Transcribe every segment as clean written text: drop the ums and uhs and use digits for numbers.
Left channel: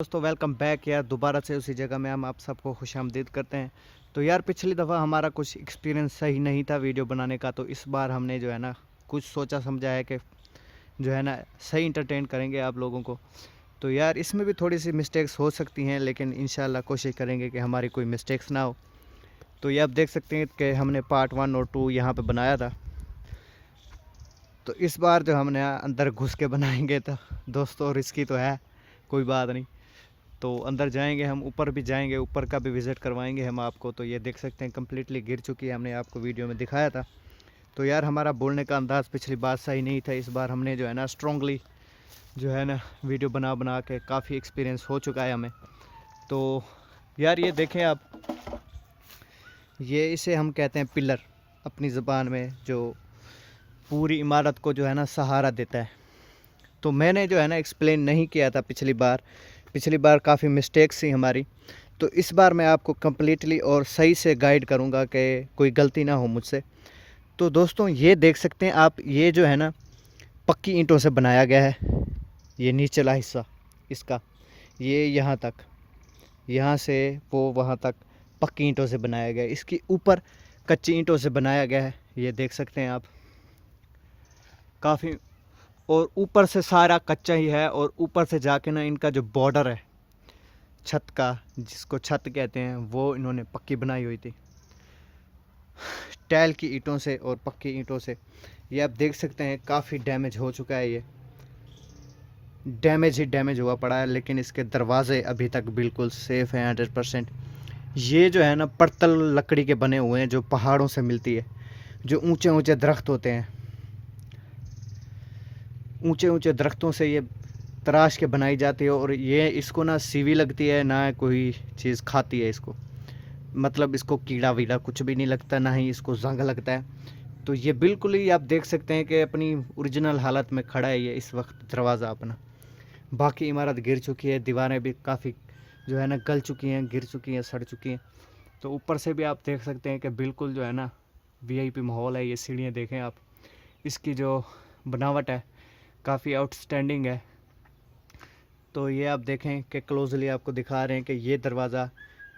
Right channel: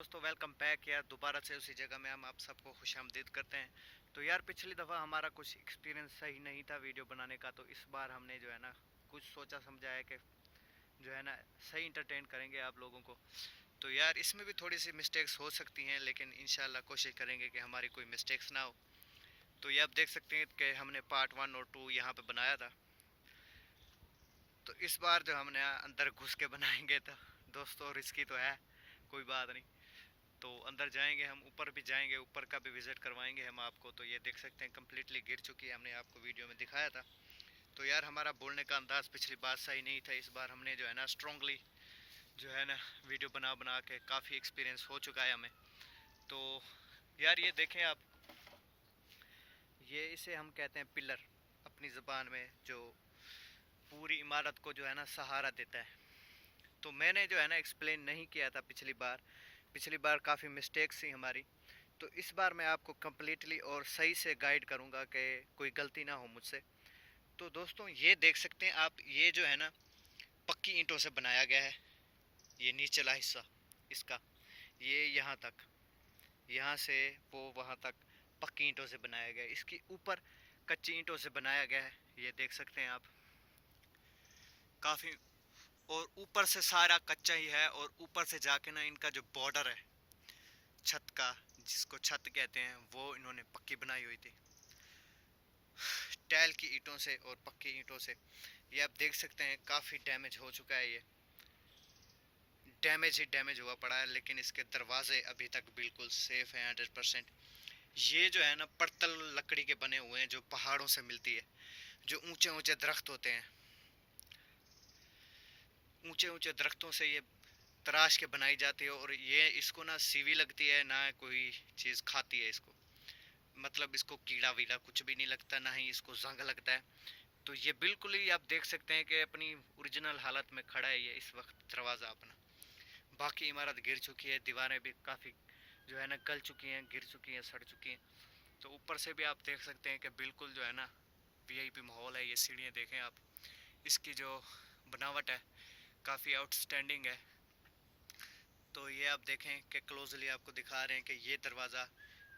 दोस्तों welcome back यार, दोबारा से उसी जगह में हम आप सबको खुशामदीद करते हैं। तो यार पिछली दफ़ा हमारा कुछ एक्सपीरियंस सही नहीं था वीडियो बनाने का, तो इस बार हमने जो है ना कुछ सोचा समझा है कि जो है ना सही इंटरटेन करेंगे आप लोगों को। तो यार इसमें भी थोड़ी सी मिस्टेक्स हो सकती हैं, लेकिन इंशाल्लाह कोशिश करेंगे कि हमारी कोई मिस्टेक्स ना हो। तो ये आप देख सकते हैं कि हमने पार्ट 1 और 2 यहाँ पर बनाया था। तो इस बार जो हमने अंदर घुस के बनाएंगे तो दोस्तों रिस्की तो है, कोई बात नहीं। तो अंदर जाएंगे, हम ऊपर भी जाएंगे, ऊपर का भी विज़िट करवाएंगे हम आपको। तो ये देख सकते हैं कम्प्लीटली गिर चुकी है, हमने आपको वीडियो में दिखाया था। तो यार हमारा बोलने का अंदाज़ पिछली बार सही नहीं था, इस बार हमने जो है ना स्ट्रॉन्गली जो है ना वीडियो बना बना के काफ़ी एक्सपीरियंस हो चुका है हमें। तो यार ये देखें आप, ये इसे हम कहते हैं पिलर अपनी ज़बान में, जो पूरी इमारत को जो है ना सहारा देता है। तो मैंने जो है ना एक्सप्लेन नहीं किया था पिछली बार काफ़ी मिस्टेक्स थी हमारी। तो इस बार मैं आपको कम्प्लीटली और सही से गाइड करूँगा कि कोई गलती ना हो मुझसे। तो दोस्तों ये देख सकते हैं आप, ये जो है ना पक्की ईंटों से बनाया गया है। ये नीचला हिस्सा इसका, ये यहाँ तक, यहाँ से वो वहाँ तक पक्की ईंटों से बनाया गया है। इसके ऊपर कच्ची ईंटों से बनाया गया है, ये देख सकते हैं आप काफ़ी। और ऊपर से सारा कच्चा ही है, और ऊपर से जाके ना इनका जो बॉर्डर है छत का, जिसको छत कहते हैं, वो इन्होंने पक्की बनाई हुई थी टैल की ईंटों से और पक्की ईंटों से। ये आप देख सकते हैं काफ़ी डैमेज हो चुका है, ये डैमेज ही डैमेज हुआ पड़ा है, लेकिन इसके दरवाजे अभी तक बिल्कुल सेफ़ हैं 100%। ये जो है ना पड़तल लकड़ी के बने हुए हैं, जो पहाड़ों से मिलती है, जो ऊंचे ऊंचे दरख्त होते हैं, ऊंचे ऊंचे दरख्तों से ये तराश के बनाई जाती है। और ये इसको ना सीवी लगती है, ना कोई चीज़ खाती है इसको, मतलब इसको कीड़ा वीड़ा कुछ भी नहीं लगता, ना ही इसको जंग लगता है। तो ये बिल्कुल ही आप देख सकते हैं कि अपनी ओरिजिनल हालत में खड़ा है ये इस वक्त दरवाज़ा अपना। बाकी इमारत गिर चुकी है, दीवारें भी काफ़ी जो है ना गल चुकी हैं, गिर चुकी हैं, सड़ चुकी हैं। तो ऊपर से भी आप देख सकते हैं कि बिल्कुल जो है ना वीआईपी माहौल है। ये सीढ़ियाँ देखें आप, इसकी जो बनावट है काफ़ी आउटस्टैंडिंग है। तो ये आप देखें कि क्लोजली आपको दिखा रहे हैं कि ये दरवाज़ा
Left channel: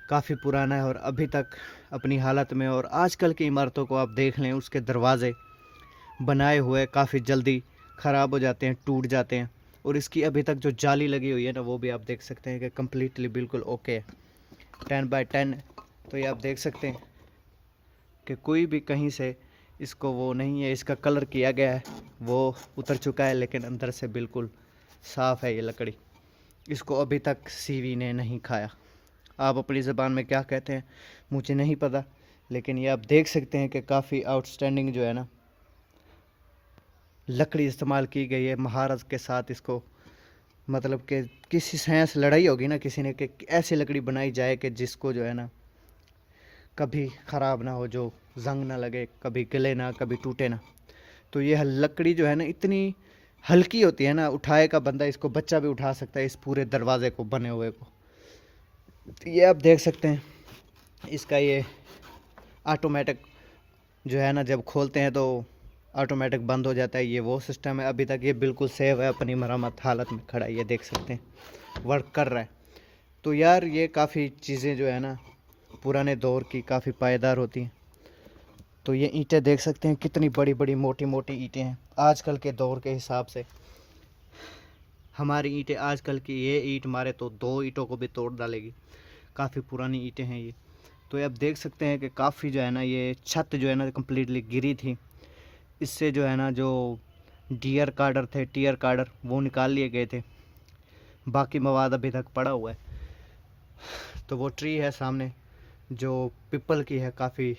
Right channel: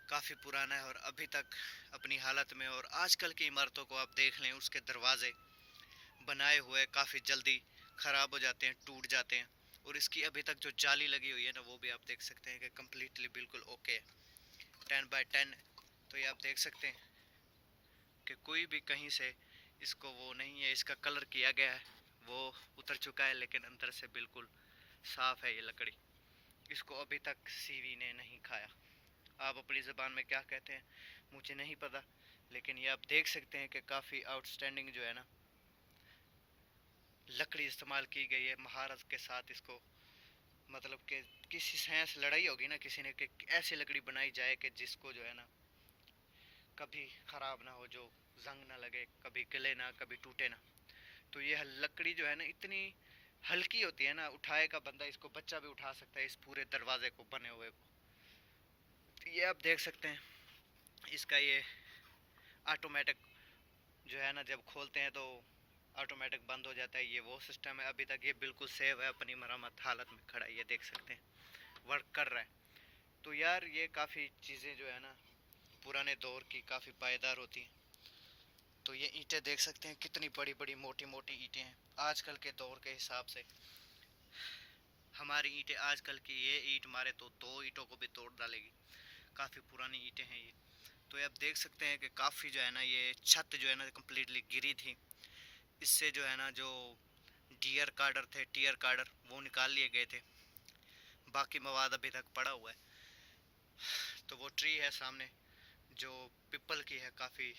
काफ़ी पुराना है और अभी तक अपनी हालत में। और आजकल की इमारतों को आप देख लें, उसके दरवाज़े बनाए हुए काफ़ी जल्दी ख़राब हो जाते हैं, टूट जाते हैं। और इसकी अभी तक जो जाली लगी हुई है ना, वो भी आप देख सकते हैं कि कम्प्लीटली बिल्कुल ओके है, 10x10। तो ये आप देख सकते हैं कि कोई भी कहीं से इसको वो नहीं है, इसका कलर किया गया है, वो उतर चुका है, लेकिन अंदर से बिल्कुल साफ़ है ये लकड़ी। इसको अभी तक सीवी ने नहीं खाया। आप अपनी ज़बान में क्या कहते हैं मुझे नहीं पता, लेकिन ये आप देख सकते हैं कि काफ़ी आउटस्टैंडिंग जो है ना लकड़ी इस्तेमाल की गई है महारत के साथ। इसको मतलब कि किसी साइंस लड़ाई होगी ना किसी ने, कि ऐसी लकड़ी बनाई जाए कि जिसको जो है ना कभी ख़राब ना हो, जो जंग ना लगे, कभी गले ना, कभी टूटे ना। तो ये लकड़ी जो है ना इतनी हल्की होती है ना, उठाएगा बंदा इसको, बच्चा भी उठा सकता है इस पूरे दरवाजे को बने हुए को। तो ये आप देख सकते हैं इसका ये ऑटोमेटिक जो है ना, जब खोलते हैं तो ऑटोमेटिक बंद हो जाता है, ये वो सिस्टम है। अभी तक ये बिल्कुल सेव है, अपनी मरम्मत हालत में खड़ा है, ये देख सकते हैं वर्क कर रहा है। तो यार ये काफ़ी चीज़ें जो है ना पुराने दौर की काफ़ी पायदार होती हैं। तो ये ईंटें देख सकते हैं कितनी बड़ी बड़ी मोटी मोटी ईंटें हैं आजकल के दौर के हिसाब से। हमारी ईंटें आजकल की, ये ईंट मारे तो 2 ईंटों को भी तोड़ डालेगी, काफ़ी पुरानी ईंटें हैं ये। तो ये आप देख सकते हैं कि काफ़ी जो है ना ये छत जो है ना कम्प्लीटली गिरी थी। इससे जो है ना जो टीयर कार्डर वो निकाल लिए गए थे, बाकी मवाद अभी तक पड़ा हुआ है। तो वो ट्री है सामने जो पिपल की है, काफ़ी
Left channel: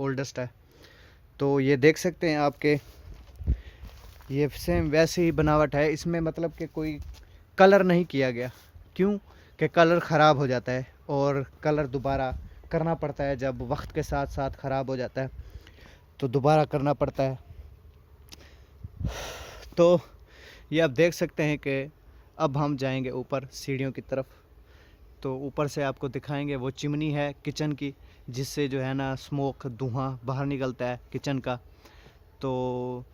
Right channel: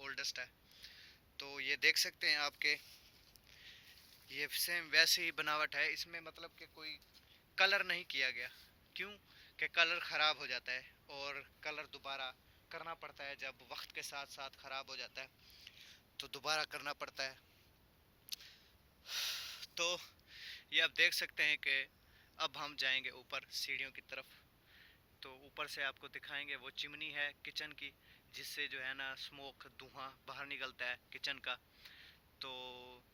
ओल्डेस्ट है। तो ये देख सकते हैं आपके, ये सेम वैसी ही बनावट है इसमें, मतलब कि कोई कलर नहीं किया गया। क्यों? कि कलर ख़राब हो जाता है, और कलर दोबारा करना पड़ता है जब वक्त के साथ साथ ख़राब हो जाता है, तो दोबारा करना पड़ता है। तो ये आप देख सकते हैं कि अब हम जाएंगे ऊपर सीढ़ियों की तरफ। तो ऊपर से आपको दिखाएंगे वो चिमनी है किचन की, जिससे जो है ना स्मोक, धुआं बाहर निकलता है किचन का। तो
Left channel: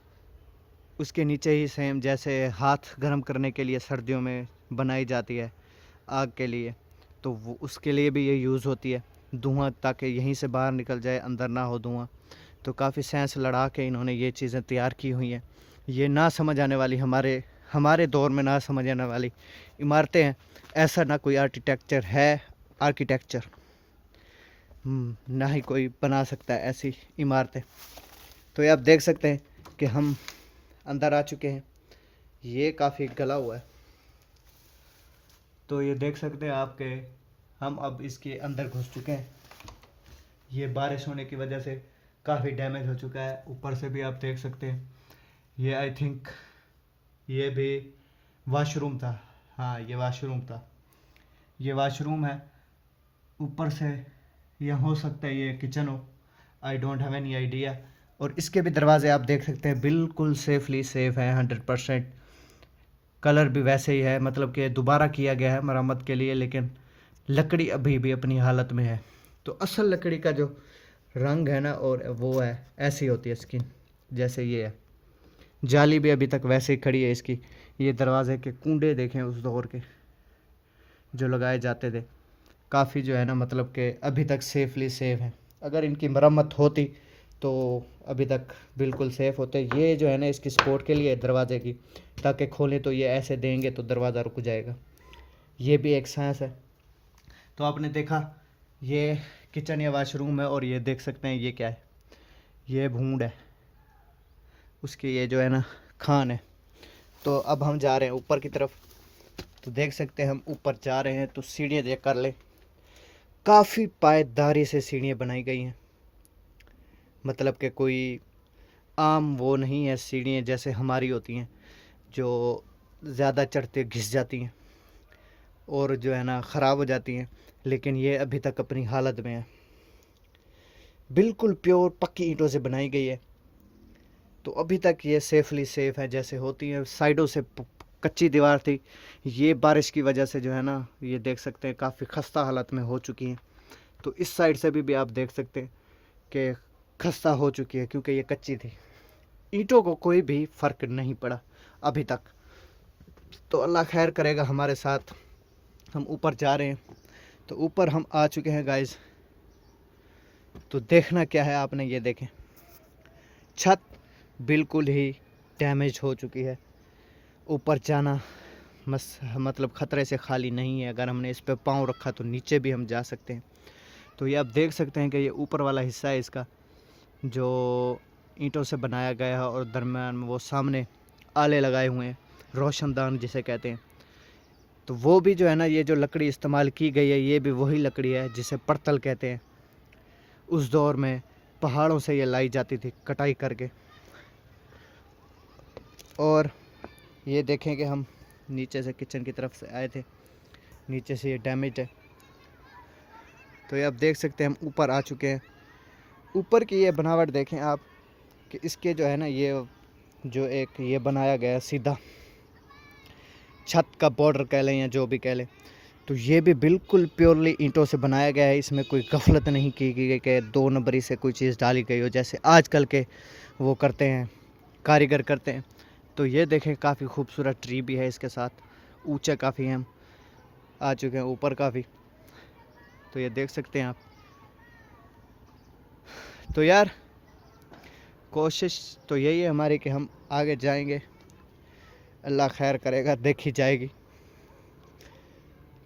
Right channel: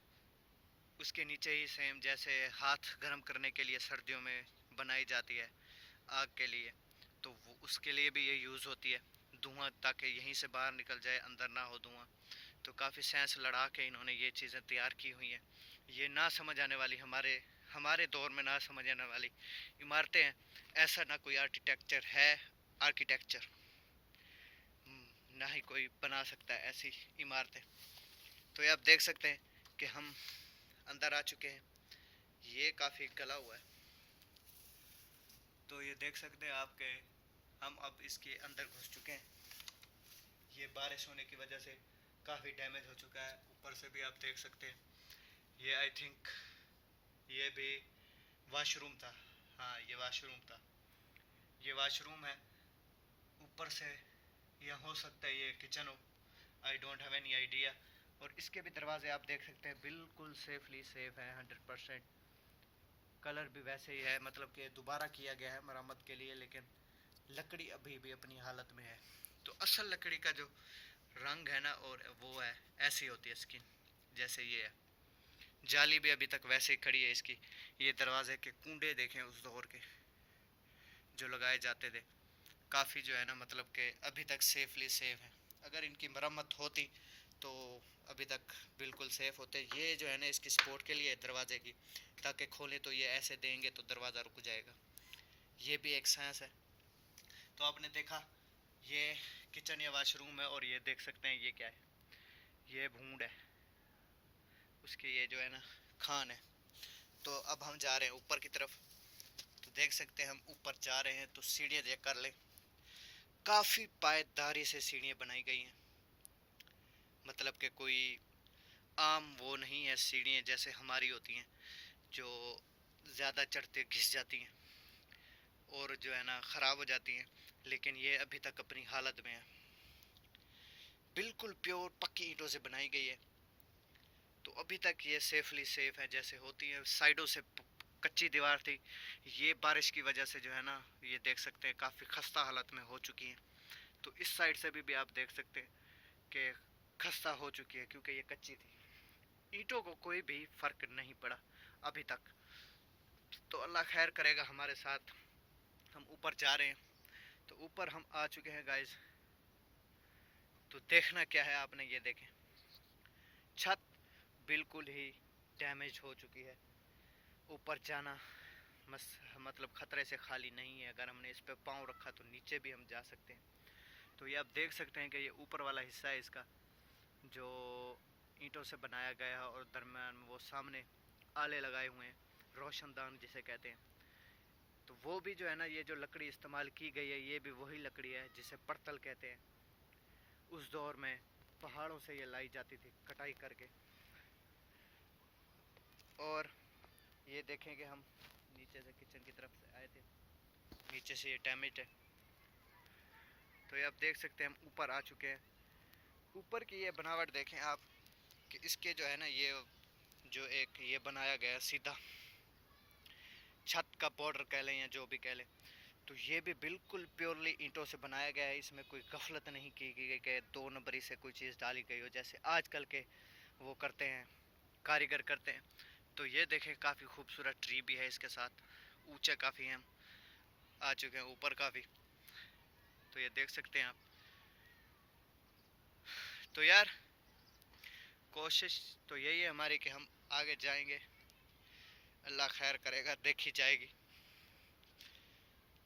उसके नीचे ही सेम जैसे हाथ गर्म करने के लिए सर्दियों में बनाई जाती है, आग के लिए, तो वो उसके लिए भी ये यूज़ होती है धुआं, ताकि यहीं से बाहर निकल जाए, अंदर ना हो धुआं। तो काफ़ी साइंस लड़ा के इन्होंने ये चीज़ें तैयार की हुई हैं। ये ना समझ आने वाली हमारे हमारे दौर में ना समझ आने वाली इमारतें हैं। ऐसा ना कोई आर्किटेक्चर ना ही कोई बना सकता है ऐसी इमारतें। तो ये आप देख सकते हैं कि हम अंदर आ चुके हैं। ये काफ़ी गला हुआ है, तो ये देख सकते हैं आपके हम अब इसके अंदर घुस चुके हैं। ये बारिश होने की वजह से काफ़ी डैमेज हो चुका है। ऊपर से भी आप देख सकते हैं, ये आई थिंक ये भी वॉशरूम था। हाँ, ये वॉशरूम था, ये वॉशरूम है। ऊपर से ये हो सकता है ये किचन हो, I don't have any idea. और इसके भी दरवाजे आप देख सकते हैं बिल्कुल सेफली सेफ है 100%। कलर भी वैसे ही है, मतलब कि दोबारा किया गया है मरम्मत के लिए, लेकिन लकड़ी अभी भी अपनी हालत में है। तो असल लकड़ी का जो रंग है ना, और वो है ऐसी होती है स्किन जैसे ये है। जाली भी अभी तक वैसे ही खड़ी है इसकी। ये दरवाजे के कुंडे देखें उस दौर के जो लगाए जाते थे, काफ़ी जो है ना मतलब कि अभी तक सेफली सेफ है। अगर इनकी मरम्मत होती तो अभी तक बिल्कुल सेफ़ होते। ये जो है ना इसकी सपोर्ट के लिए दरवाजे की, ताकि खोलें तो ये ऐसे देंगे तो दरवाज़ा रुक जाएगा। ये भी एक साइंस है। तो आपने देखा ये किचन या वाशरूम है, और ये देख सकते हैं ये क्या है, ये भूंड है उसकी, ये जो है ना खान है। तो अब हम जा रहे हैं ऊपर की तरफ। तो देख सकते हैं हम ऊपर जा रहे हैं, तो सीढ़ियाँ चेक कर ले। काफ़ी पायदारी से सीढ़ियाँ बनाई गई हैं, मतलब कि कोई आम वो नहीं है सीढ़ियाँ जैसे हमारी होती हैं जो ज़्यादा चढ़ते घिस जाती हैं और जो है ना ख़राब हो जाती हैं। लेकिन ये अभी तक अपनी हालत में है, बिल्कुल प्योर पक्की ईंटों से बनाई गई है। तो अभी तक ये सेफली सेफ है जैसे होती है। साइडों से कच्ची दीवार थी, ये बारिश की वजह से जो है ना ये देख सकते हैं काफ़ी खस्ता हालत में हो चुकी हैं। तो इस साइड से भी आप देख सकते हैं कि खस्ता हो चुकी है, क्योंकि ये कच्ची थी। ईंटों को कोई भी फ़र्क नहीं पड़ा अभी तक। तो अल्लाह खैर करेगा हमारे साथ। हम ऊपर जा रहे हैं, तो ऊपर हम आ चुके हैं गाइस। तो देखना क्या है आपने, ये देखें छत बिल्कुल ही डैमेज हो चुकी है। ऊपर जाना मतलब ख़तरे से खाली नहीं है। अगर हमने इस पर पाँव रखा तो नीचे भी हम जा सकते हैं। तो ये आप देख सकते हैं कि ये ऊपर वाला हिस्सा है इसका, जो ईंटों से बनाया गया है, और दरम्यान में वो सामने आले लगाए हुए हैं, रोशनदान जिसे कहते हैं। तो वो भी जो है ना, ये जो लकड़ी इस्तेमाल की गई है ये भी वही लकड़ी है जिसे पड़तल कहते हैं। उस दौर में पहाड़ों से ये लाई जाती थी कटाई करके। और ये देखें कि हम नीचे से किचन की तरफ से आए थे, नीचे से ये डैमेज है। तो ये आप देख सकते हैं हम ऊपर आ चुके हैं। ऊपर की ये बनावट देखें आप कि इसके जो है ना ये जो एक ये बनाया गया सीधा छत का बॉर्डर कह लें या जो भी कह लें, तो ये भी बिल्कुल प्योरली ईंटों से बनाया गया है। इसमें कोई गफलत नहीं की गई कि 2 नंबरी से कोई चीज़ डाली गई हो जैसे आजकल के वो करते हैं, कारीगर करते हैं। तो ये देखें काफ़ी खूबसूरत ट्री भी है इसके साथ, ऊंचे काफ़ी हैं, हम आ चुके हैं ऊपर काफ़ी। तो ये देख सकते हैं आप। तो यार कोशिश तो यही है हमारी कि हम आगे जाएंगे, अल्लाह खैर करेगा, देखी जाएगी।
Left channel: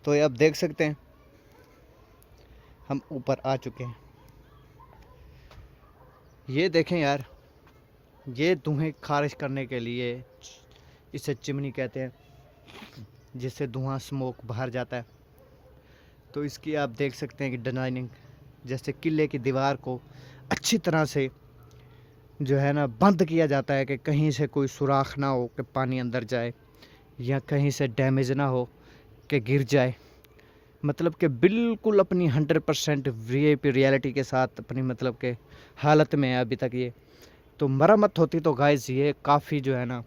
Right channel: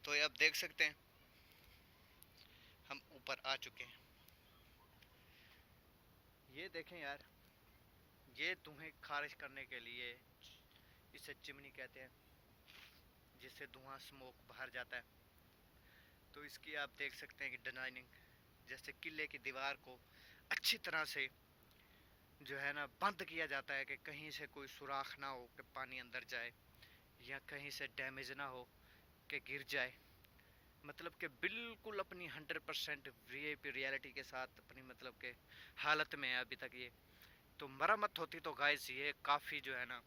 तो ये आप देख सकते हैं हम ऊपर आ चुके हैं। ये देखें यार, ये धुएं खारिज करने के लिए इसे चिमनी कहते हैं, जिससे धुआं स्मोक बाहर जाता है। तो इसकी आप देख सकते हैं कि डिज़ाइनिंग जैसे किले की दीवार को अच्छी तरह से जो है ना बंद किया जाता है कि कहीं से कोई सुराख ना हो कि पानी अंदर जाए, या कहीं से डैमेज ना हो कि गिर जाए। मतलब कि बिल्कुल अपनी 100% वीआईपी रियलिटी के साथ अपनी मतलब के हालत में है अभी तक ये। तो मरम्मत होती तो गाइस ये काफ़ी जो है ना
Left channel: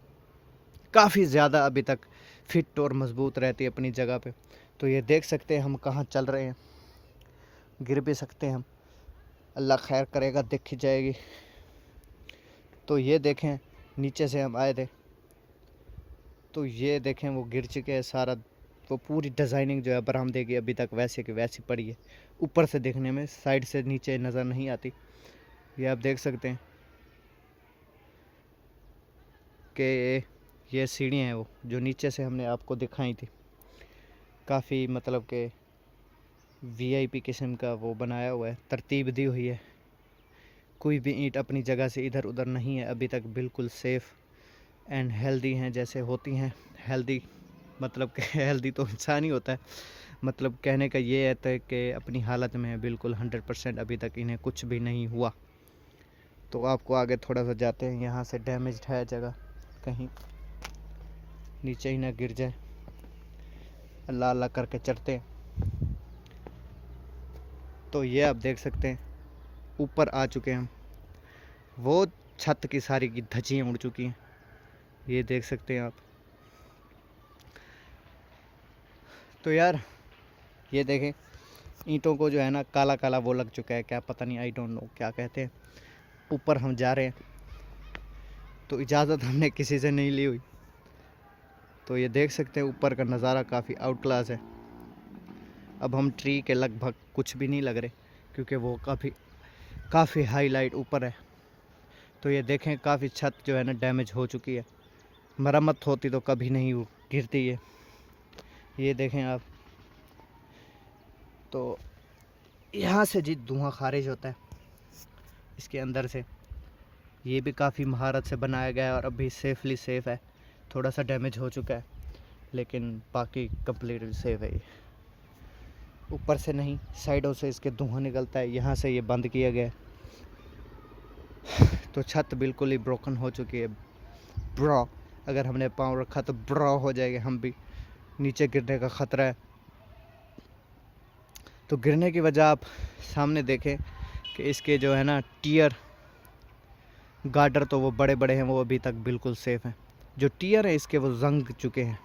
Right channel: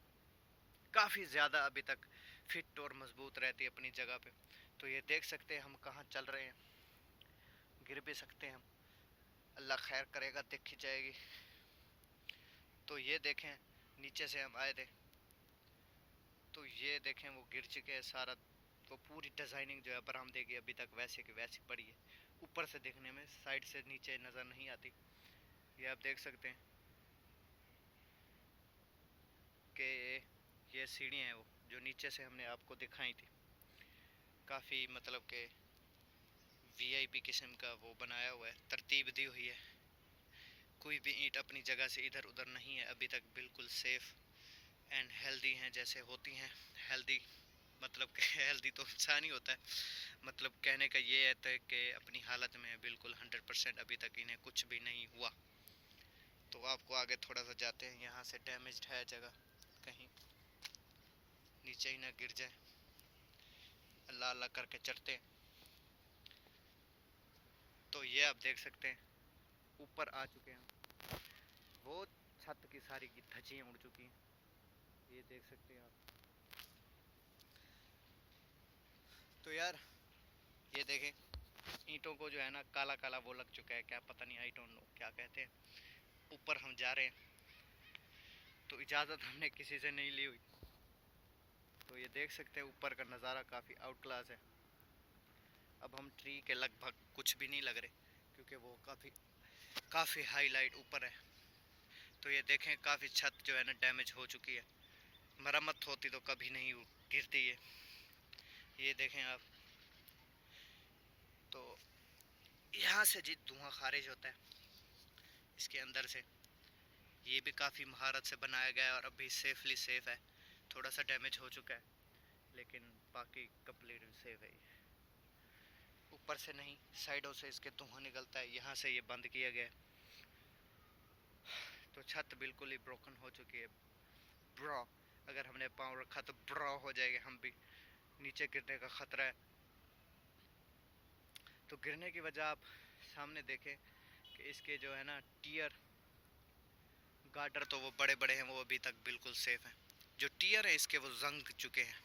काफ़ी ज़्यादा अभी तक फिट और मज़बूत रहती है अपनी जगह पे। तो ये देख सकते हैं हम कहाँ चल रहे हैं, गिर भी सकते हैं हम, अल्लाह खैर करेगा, देखी जाएगी। तो ये देखें नीचे से हम आए थे, तो ये देखें वो गिर चुके हैं सारा वो पूरी डिज़ाइनिंग जो है बरामदे की अभी तक वैसे की वैसी पड़ी है। ऊपर से देखने में, साइड से नीचे नज़र नहीं आती। ये आप देख सकते हैं कि ये सीढ़ियाँ हैं वो जो नीचे से हमने आपको दिखाई थी। काफ़ी मतलब कि वीआईपी किस्म का वो बनाया हुआ है, तरतीब दी हुई है। कोई भी ईंट अपनी जगह से इधर उधर नहीं है अभी तक, बिल्कुल सेफ़ एंड हेल्दी हैं जैसे होती हैं। हेल्दी मतलब कि हेल्दी तो इंसान ही होता है, मतलब कहने का ये है तो कि अपनी हालत में है बिल्कुल 100%, अभी तक इन्हें कुछ भी नहीं हुआ। तो आपको आगे थोड़ा सा जाते हैं, यहाँ से डैमेज्ड है जगह, कहीं नीचे ही ना गिर जाए। अल्लाह अल्लाह करके चढ़ते हैं। तो ये आप देख सकते हैं ऊपर आ चुके हैं हम। वो छत की सारी की धज्जियाँ उड़ चुकी हैं, ये देख सकते हैं आप। तो यार ये देखें, ईंटों को जो है ना काला काला वो लग चुका है, क्या पता नहीं, आई डोंट नो क्या कहते हैं। ऊपर हम जा रहे हैं, तो इजाज़त हमने किसी से नहीं ली हुई। तो ये देख सकते हैं ऊपर का नज़ारा काफ़ी आउट क्लास है। अब हम ट्री के लगभग कुछ भी नहीं लग रहे, क्योंकि वो काफ़ी हाईलाइट ऊपर है। तो ये देखें काफ़ी छत जो है ना डैमेज हो चुकी है। मरम्मत होती तो कभी नहीं गिरती है। ये देखें आप। तो यहाँ से जी धुआं खारिज होता है इसके अंदर से। ये भी काफ़ी महारत से बनाया गया है और अभी सेफली सेफ़ है। थोड़ा सा डैमेज हो चुका है लेकिन बाकी कम्प्लीटली सेफ है। ये ऊपर से नहीं, साइडों से इसके धुआं निकलता है। यहाँ से ये बंद किया गया है। तो छत बिल्कुल ही ब्रोकन हो चुकी है। ब्रो, अगर हमने पाँव रखा तो ब्रो हो जाएगा, हम भी नीचे गिरने का ख़तरा है। तो गिरने की वजह आप सामने देखें कि इसके जो है ना टियर गार्डर तो वो बड़े बड़े हैं, वो अभी तक बिल्कुल सेफ़ हैं। जो टियर हैं इसके वो जंग चुके हैं,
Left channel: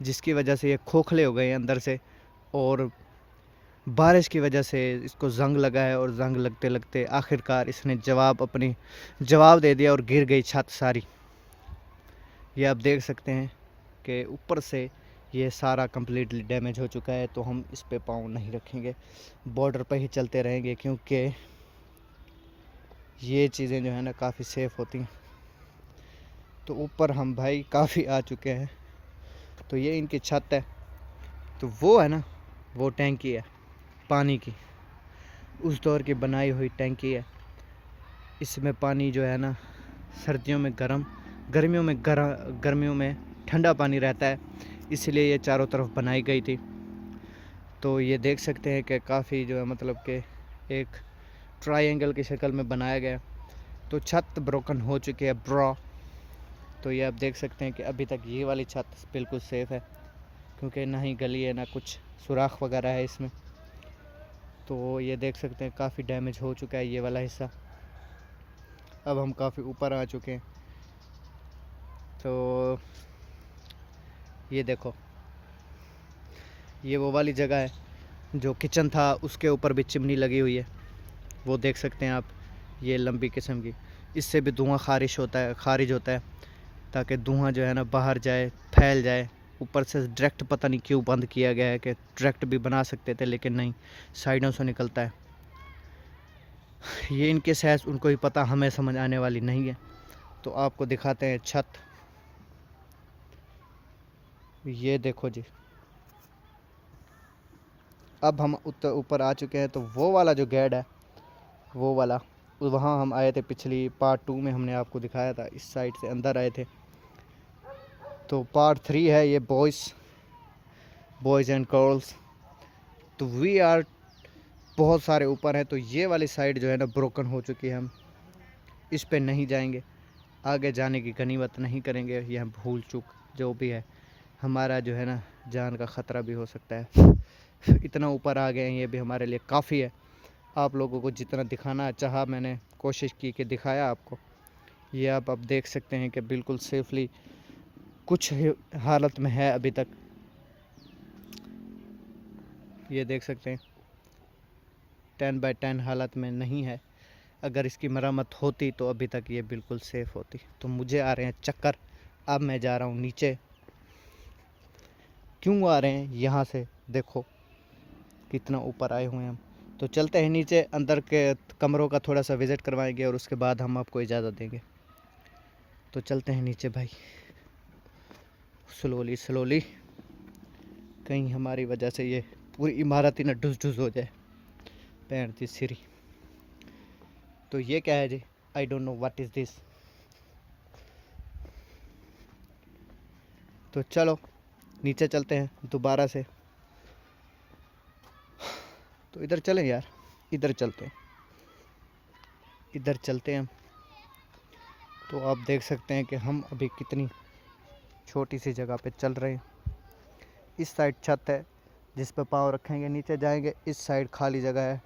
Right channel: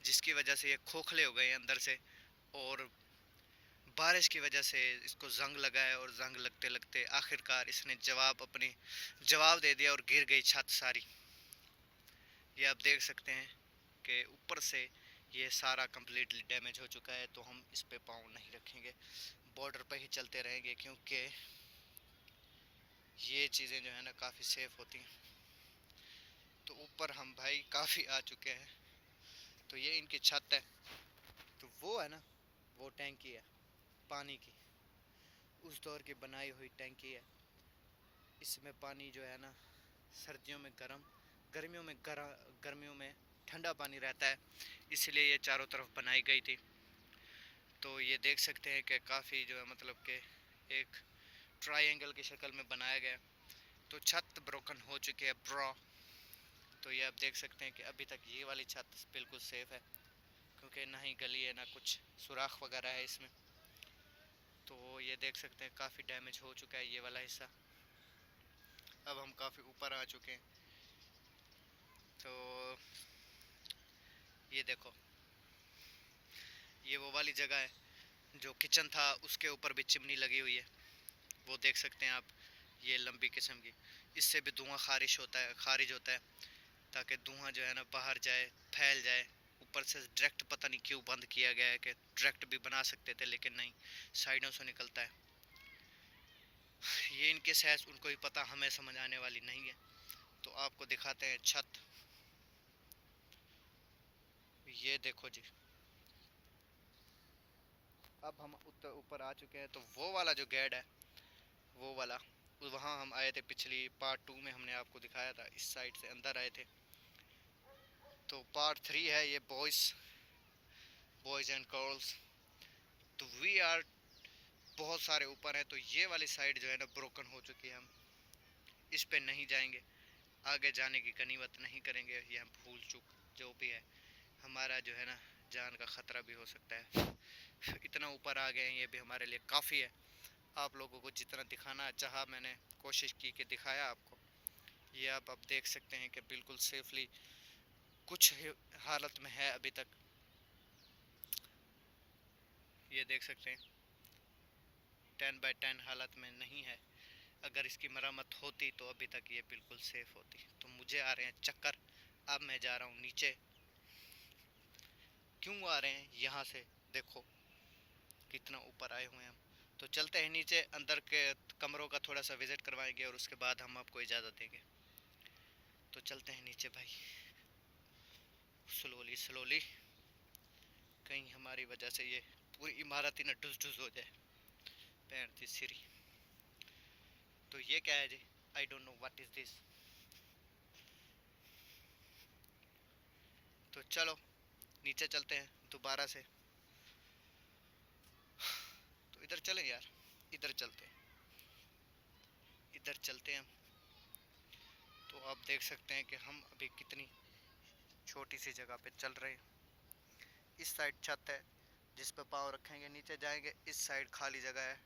जिसकी वजह से ये खोखले हो गए हैं अंदर से, और बारिश की वजह से इसको जंग लगा है। और जंग लगते लगते आखिरकार इसने जवाब दे दिया और गिर गई छत सारी। ये आप देख सकते हैं कि ऊपर से ये सारा कम्प्लीटली डैमेज हो चुका है। तो हम इस पे पाँव नहीं रखेंगे, बॉर्डर पे ही चलते रहेंगे, क्योंकि ये चीज़ें जो है ना काफ़ी सेफ़ होती हैं। तो ऊपर हम भाई काफ़ी आ चुके हैं। तो ये इनकी छत है। तो वो है ना, वो टैंकी है पानी की, उस दौर की बनाई हुई टैंकी है। इसमें पानी जो है ना सर्दियों में गर्म, गर्मियों में ठंडा पानी रहता है, इसलिए ये चारों तरफ बनाई गई थी। तो ये देख सकते हैं कि काफ़ी जो है मतलब कि एक ट्रायंगल की शक्ल में बनाया गया। तो छत ब्रोकन हो चुकी है ब्रो। तो ये आप देख सकते हैं कि अभी तक ये वाली छत बिल्कुल सेफ़ है, क्योंकि ना ही गली है ना कुछ सुराख वगैरह है इसमें। तो ये देख सकते हैं काफ़ी डैमेज हो चुका है ये वाला हिस्सा। अब हम काफ़ी ऊपर आ चुके हैं। तो ये देखो, ये वो वाली जगह है जो किचन था, उसके ऊपर भी चिमनी लगी हुई है, वो देख सकते हैं आप। ये लंबी किस्म की, इससे भी धुआं खारिज होता है ताकि धुआं जो है ना बाहर जाए, फैल जाए। ऊपर से डायरेक्ट पता नहीं क्यों बंद किया गया है, कि डायरेक्ट भी बना सकते थे लेकिन नहीं, साइडों से निकलता है। ये इनके सहज उनको ही पता, हमें समझ आने वाली नहीं है। तो आपको दिखाते हैं छत। ये देखो जी, अब हम ऊपर आ चुके हैं। तो वो वाला जो गेट है, वो वाला, वहाँ हम आए थे पिछली पार्ट 2 में, हमने आपको दिखाया था, इस साइड से अंदर आए थे। तो पार्ट 3 है ये, बॉयज़ एंड गर्ल्स। तो वी आर बहुत सारे ऊपर हैं। तो ये वाली साइड जो है ना ब्रोकन हो चुकी है, हम इस पे नहीं जाएंगे, आगे जाने की गनीमत नहीं करेंगे। यह भूल चूक जो भी है, हमारा जो है ना जान का ख़तरा भी हो सकता है। इतना ऊपर आ गए हैं, ये भी हमारे लिए काफ़ी है। आप लोगों को जितना दिखाना चाहा मैंने कोशिश की कि दिखाया आपको। ये आप अब देख सकते हैं कि बिल्कुल सेफली कुछ हालत में है अभी तक। ये देख सकते हैं 10/10 हालत में नहीं है। अगर इसकी मरम्मत होती तो अभी तक ये बिल्कुल सेफ़ होती। तो मुझे आ रहे हैं चक्कर, अब मैं जा रहा हूँ नीचे, क्यों आ रहे हैं यहाँ से, देखो कितना ऊपर आए हुए हैं हम। तो चलते हैं नीचे, अंदर के कमरों का थोड़ा सा विज़िट करवाएंगे और उसके बाद हम आपको इजाज़त देंगे। तो चलते हैं नीचे भाई, स्लोली स्लोली, कहीं हमारी वजह से ये पूरी इमारत ही ना ढुस ढुस हो जाए। पैर थी सिरी। तो ये क्या है जी, I don't know what is this. तो चलो नीचे चलते हैं दोबारा से। तो इधर चलें यार, इधर चलते हैं, इधर चलते हैं हम। तो आप देख सकते हैं कि हम अभी कितनी छोटी सी जगह पे चल रहे हैं। इस साइड छत है जिस पे पाँव रखेंगे नीचे जाएंगे, इस साइड खाली जगह है,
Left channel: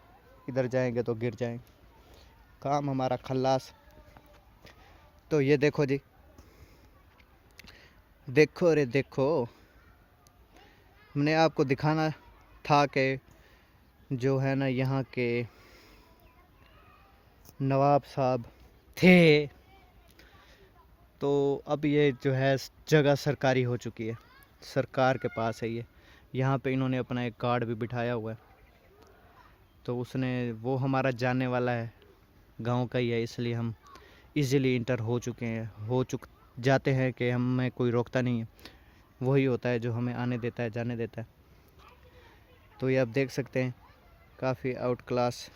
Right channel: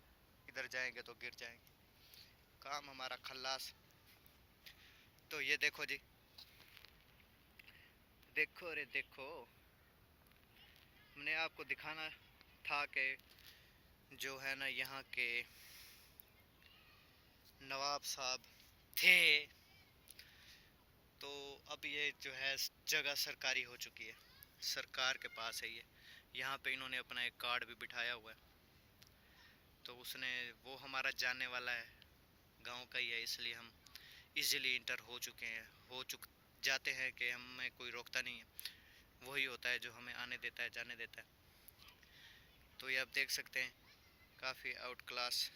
इधर जाएंगे तो गिर जाएंगे। काम हमारा खल्लास। तो ये देखो जी, देखो रे देखो, हमने आपको दिखाना था कि जो है ना यहाँ के नवाब साहब थे। तो अब ये जो है जगह सरकारी हो चुकी है, सरकार के पास है ये। यहाँ पे इन्होंने अपना एक गार्ड भी बिठाया हुआ है। तो उसने, वो हमारा जानने वाला है, गांव का ही है, इसलिए हम इजीली इंटर हो चुके हैं, जाते हैं कि हमें कोई रोकता नहीं है। वही होता है जो हमें आने देता है, जाने देता है। तो ये आप देख सकते हैं काफ़ी आउट क्लास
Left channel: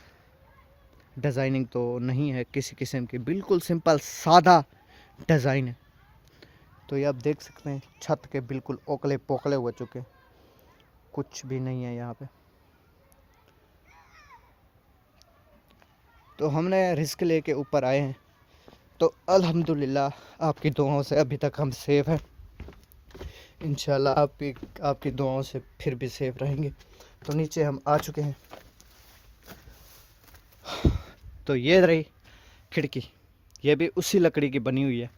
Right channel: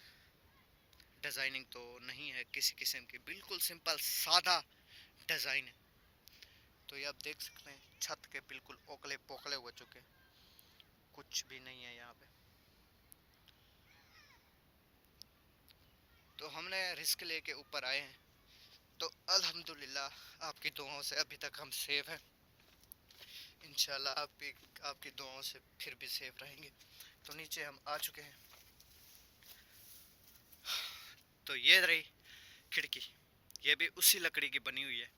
डिज़ाइनिंग तो नहीं है किसी किस्म की, बिल्कुल सिंपल सादा डिज़ाइन है। तो ये आप देख सकते हैं छत के बिल्कुल ओकले पोकले हो चुके, कुछ भी नहीं है यहाँ पे। तो हमने रिस्क लेके ऊपर आए हैं, तो अल्हम्दुलिल्लाह आपकी दुआओं से अभी तक हम सेफ़ हैं। इंशाल्लाह आपकी दुआओं से फिर भी सेफ़ रहेंगे। तो नीचे हम आ चुके हैं। तो ये रही खिड़की, ये भी उसी लकड़ी की बनी हुई है,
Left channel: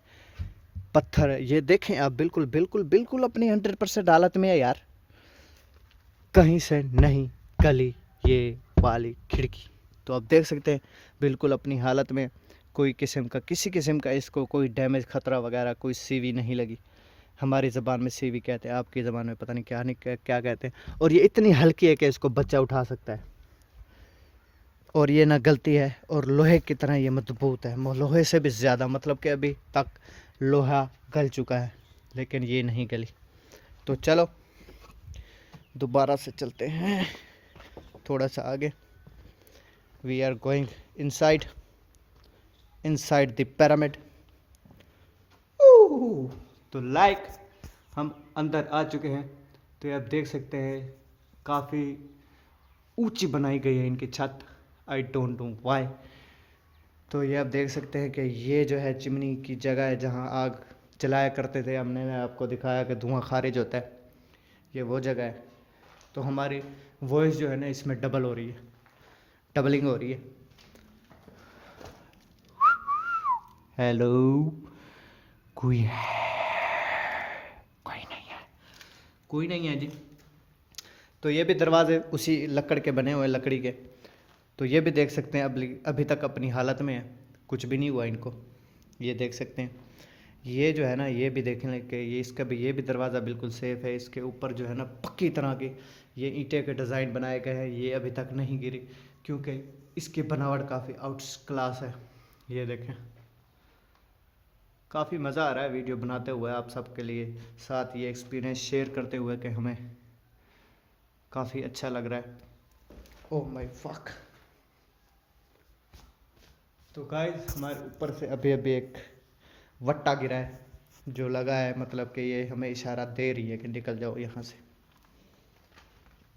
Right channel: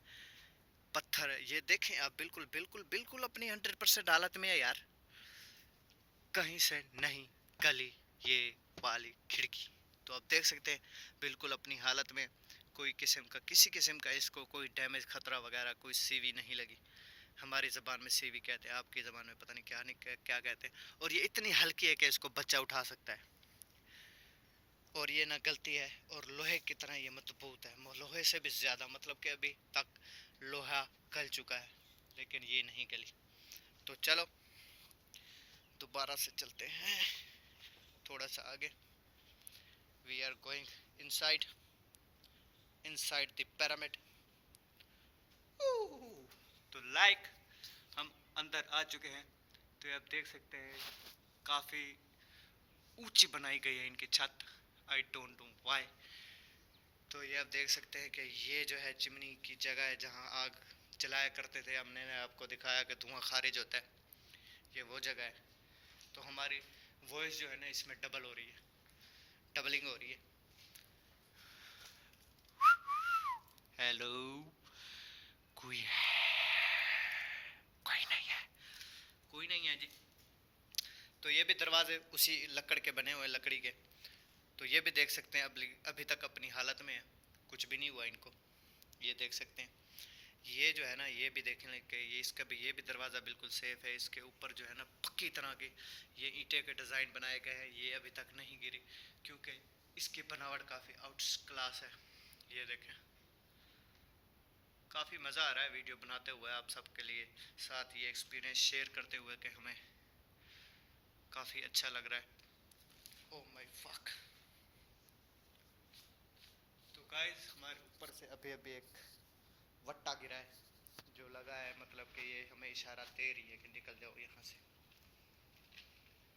पत्थर है। ये देखें आप, बिल्कुल बिल्कुल बिल्कुल अपनी 100% हालत में है यार, कहीं से नहीं गली ये वाली खिड़की। तो आप देख सकते हैं बिल्कुल अपनी हालत में, कोई किस्म का, किसी किस्म का इसको कोई डैमेज खतरा वगैरह, कोई सीवी नहीं लगी। हमारी ज़बान में सीवी कहते हैं, आपकी ज़बान में पता नहीं क्या क्या कहते हैं। और ये इतनी हल्की है कि इसको बच्चा उठा सकता है, और ये ना गलती है, और लोहे की तरह ये मजबूत है, लोहे से भी ज़्यादा, मतलब कि अभी तक लोहा गल चुका है लेकिन ये नहीं गली। तो चलो दोबारा से चलते हैं थोड़ा सा आगे। We are going inside the pyramid. तो हम अंदर आ चुके हैं। तो आप देख सकते हैं काफ़ी ऊंची बनाई गई है इनकी छत, आई डोंट नो वाई। तो ये आप देख सकते हैं कि ये जो है चिमनी की जगह है जहाँ आग जलाया करते थे, हमने आपको दिखाया कि धुआं खारिज होता है, ये वो जगह है। तो हमारी वॉइस जो है ना इसमें डबल हो रही है, डबलिंग हो रही है। हेलो, कोई है? कोई नहीं है, कोई नहीं है जी। तो ये भी दरवाजे उसी लकड़ के बने हुए, लकड़ी के। तो ये भी देख सकते हैं अभी तक अपनी हालत में है, कुछ भी नहीं हुआ इनको। ये देख सकते हैं, ये जो है ना, ये भी देखने के, ये इसका भी, ये भी दरवाज़ा बिल्कुल सेफ़ है। इसके ऊपर जो है ना पक्की तरह के ये ईंटे के डिज़ाइन बनाए गए हैं, ये अभी तक नहीं गिरी क्योंकि इसकी बनावट काफ़ी आउट क्लास है। ये देखें, काफ़ी मज़ा आ रहा है वीडियो बनाते हुए आप सबके लिए, साथ ये एक्सपीरियंस शेयर करते हुए कि हमें काफ़ी अच्छा लग रहा है। Oh my fuck. तो गाइस हमारे ऊपर से अभी अभी एक वट्टा गिरा है जो लगा है, मतलब कि ये हमें इशारा दे रही है कि निकल जाओ यहाँ से।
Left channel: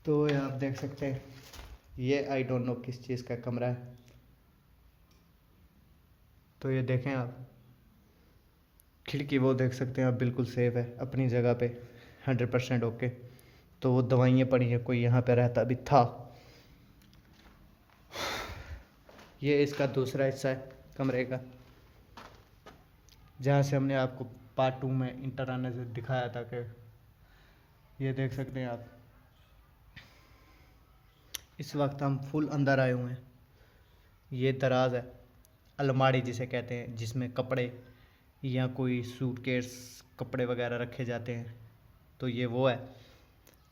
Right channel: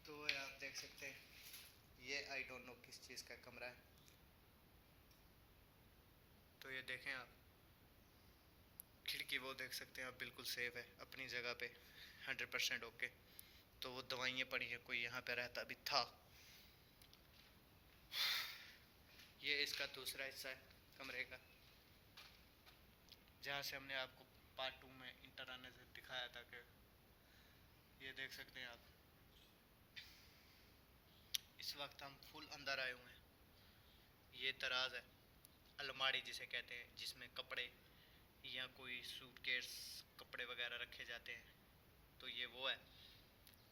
तो ये आप देख सकते हैं, ये आई डोंट नो किस चीज़ का कमरा है। तो ये देखें आप, खिड़की वो देख सकते हैं आप, बिल्कुल सेफ़ है अपनी जगह पे, 100% ओके। तो वो दवाइयाँ पड़ी हैं, कोई यहाँ पे रहता भी था। ये इसका दूसरा हिस्सा है कमरे का, जहाँ से हमने आपको पार्ट 2 में इंटर आने से दिखाया था कि ये देख सकते हैं आप, इस वक्त हम फुल अंदर आए हुए हैं। ये दराज है, अलमारी जिसे कहते हैं, जिसमें कपड़े या कोई सूटकेस, कपड़े वगैरह रखे जाते हैं। तो ये वो है।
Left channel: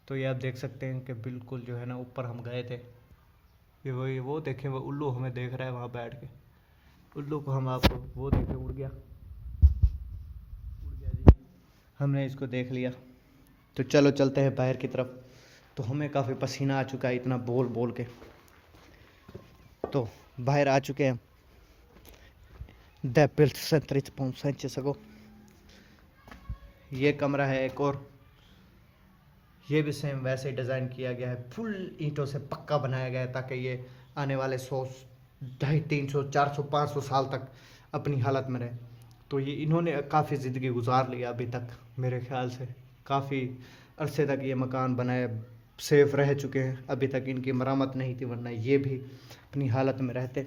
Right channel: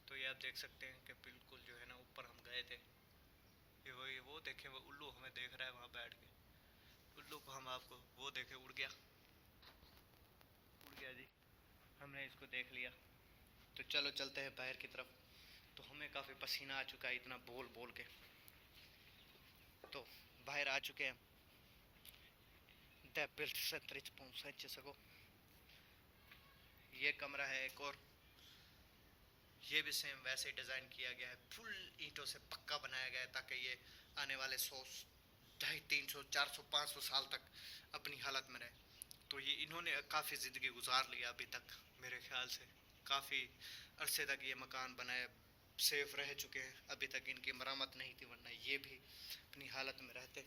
तो ये आप देख सकते हैं कि बिल्कुल जो है ना ऊपर हम गए थे, ये वही वो देखें, वो उल्लू हमें देख रहा है वहाँ बैठ के। उल्लू को हम आपको वो देखे, उड़ गया जी, हमने इसको देख लिया। तो चलो चलते हैं बाहर की तरफ। तो हमें काफ़ी पसीना आ चुका है इतना बोल बोल के, तो बाहर आ चुके हैं। सको ये कमरा है एक और, ये भी सेम वैसे ही डिज़ाइन किया गया है, फुल ईंटों से पक्का बनाया गया है ताकि ये आने वाले 100, 250, 300, 400, 500 साल तक अपनी हालत में रहे। तो ये इन्होंने काफ़ी ज़िंदगी गुजार लिया अभी तक, मेरे ख्याल से काफ़ी अरसे तक ये मकान बनाए, सेफ रह चुके हैं, अभी तक इनकी मरम्मत नहीं थी, वरना ये भी अपनी हालत में रहते।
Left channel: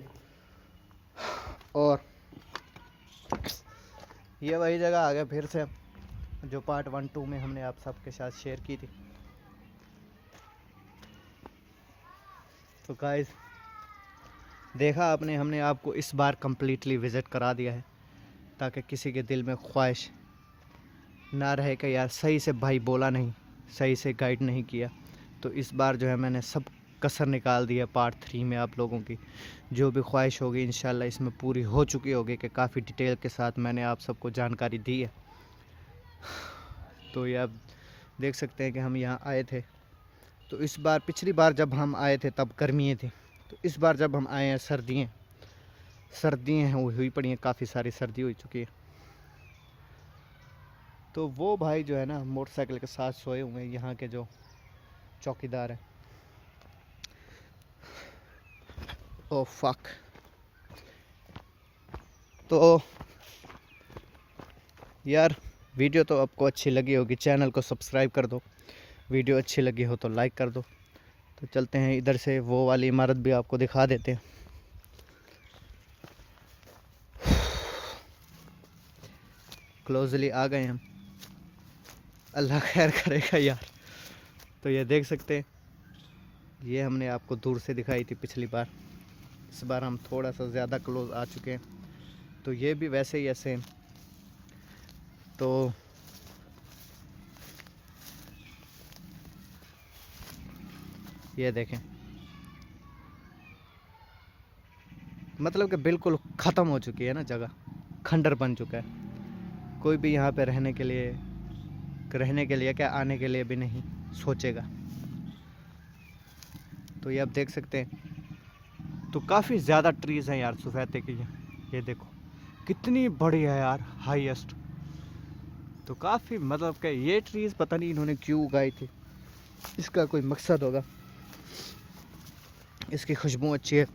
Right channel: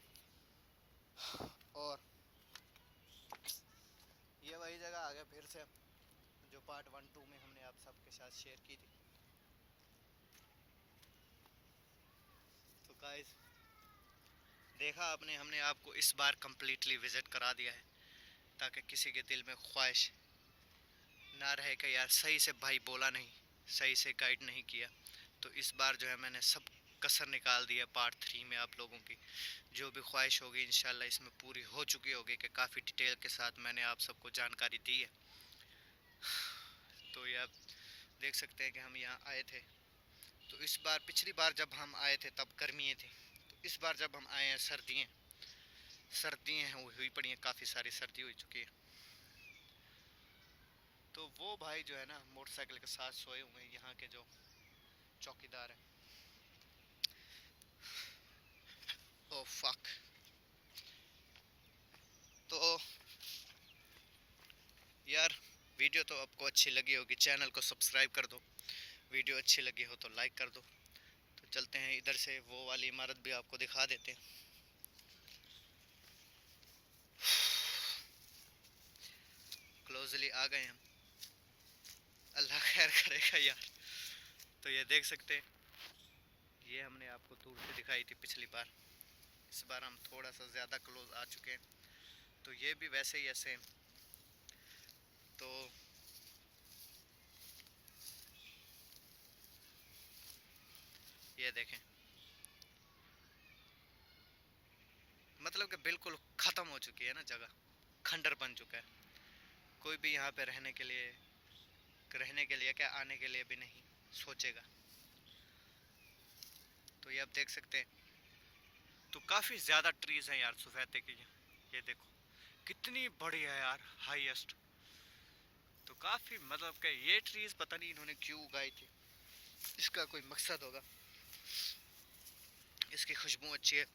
और ये वही जगह आ गया फिर से जो पार्ट 1, 2 में हमने आप सबके साथ शेयर की थी। तो गाइस देखा आपने, हमने आपको इस बार कम्प्लीटली विज़िट करा दिया है ताकि किसी के दिल में ख्वाहिश ना रहे कि यार सही से भाई बोला नहीं, सही से गाइड नहीं किया। तो इस बार जो है मैंने सब कसर निकाल दी है पार्ट 3 में। आप लोगों की जो भी ख्वाहिश होगी इंशाल्लाह इसमें पूरी हो चुकी होगी, कि काफ़ी डिटेल के साथ मैंने आप सबको जानकारी दी है। तो ये आप देख सकते हैं कि हम यहाँ आए थे, तो इस बार पिछली बार जब हम आए थे तब गर्मियाँ थी, तो इस बार जब हम आए हैं सर्दियाँ हैं हुई पड़ी हैं, काफ़ी सारी सर्दी हो चुकी है। तो वो भाई जो है ना मोटरसाइकिल के साथ सोए हुए हैं, यहाँ के जो चौकीदार हैं। Oh fuck. तो यार वीडियो तो आपको अच्छी लगी होगी, चैनल को सब्सक्राइब कर दो, वीडियो अच्छी लगी हो तो लाइक कर दो। तो चलते हैं इधर से, वो वाली इमारत भी आपको दिखा देते हैं। क्लोजली आ गए हम, अल्लाह खैर करेगा यार। तो ये देख सकते हैं, ये हमने आपको दूर से दिखाई थी पिछली बार, इस बार हम थोड़ा सा ज़्यादा क्लोज आ चुके हैं। तो ये भी वैसे ही है सेम। तो ये देखें, मतलब कि बिल्कुल ख़त्म हो चुकी है ना जगह, खंडर बन चुका है। कोई भी यहाँ पे रहने के लिए क्या आने के लिए भी नहीं सोचेगा। तो ये आप देख सकते हैं, तो काफ़ी ज़्यादा ट्रीज़ हैं यार सफ़ेदे की। ये देखो कितनी बड़ी है यार, हाईएस्ट। तो काफ़ी मतलब कि ये ट्रीज़ पता नहीं इन्होंने क्यों उगाई थी, इसका कोई मकसद होगा। इसकी खुशबू अच्छी है।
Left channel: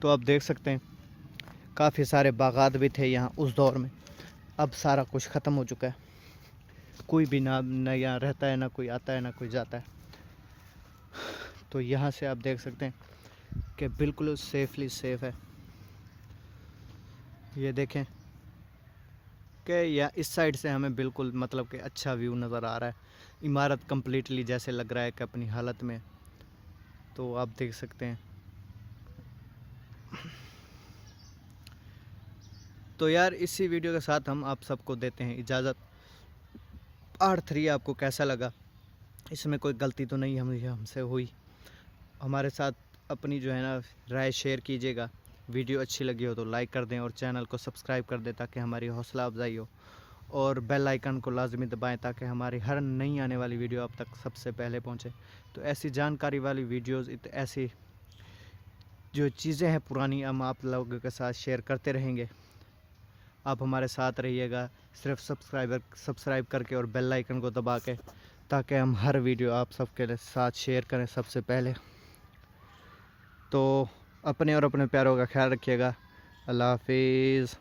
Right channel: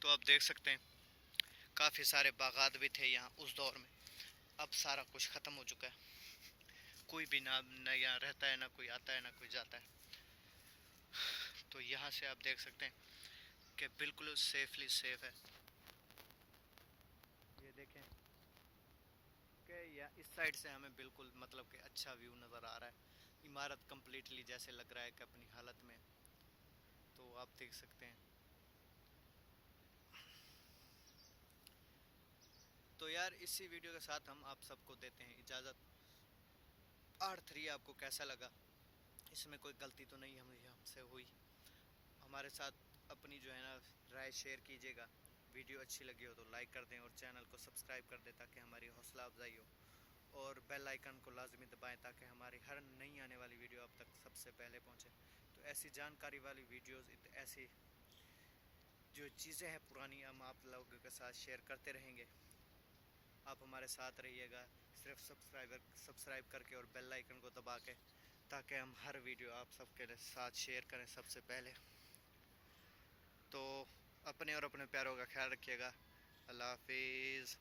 तो आप देख सकते हैं काफ़ी सारे बागात भी थे यहाँ उस दौर में, अब सारा कुछ ख़त्म हो चुका है। कोई भी ना यहाँ रहता है, ना कोई आता है, ना कोई जाता है। तो यहाँ से आप देख सकते हैं कि बिल्कुल सेफली सेफ है। ये देखें कि या इस साइड से हमें बिल्कुल मतलब कि अच्छा व्यू नज़र आ रहा है, इमारत कम्प्लीटली जैसे लग रहा है कि अपनी हालत में। तो आप देख सकते हैं। तो यार इसी वीडियो के साथ हम आप सबको देते हैं इजाज़त। पार्ट 3 आपको कैसा लगा, इसमें कोई गलती तो नहीं हमसे हुई, हमारे साथ अपनी जो है ना राय शेयर कीजिएगा। वीडियो अच्छी लगी हो तो लाइक कर दें और चैनल को सब्सक्राइब कर दें ताकि हमारी हौसला अफजाई हो, और बेल आइकन को लाजमी दबाएं ताकि हमारी हर नई आने वाली वीडियो आप तक सबसे पहले पहुंचे। तो ऐसी जानकारी वाली वीडियोस, ऐसी जो चीज़ें हैं पुरानी, हम आप लोगों के साथ शेयर करते रहेंगे। आप हमारे साथ रहिएगा सिर्फ सब्सक्राइब करके और बेल आइकन को दबा के, ताकि हम हर वीडियो आप सबके साथ शेयर करें सबसे पहले। तो अपने और अपने प्यारों का ख्याल रखिएगा। अल्लाह हाफिज़।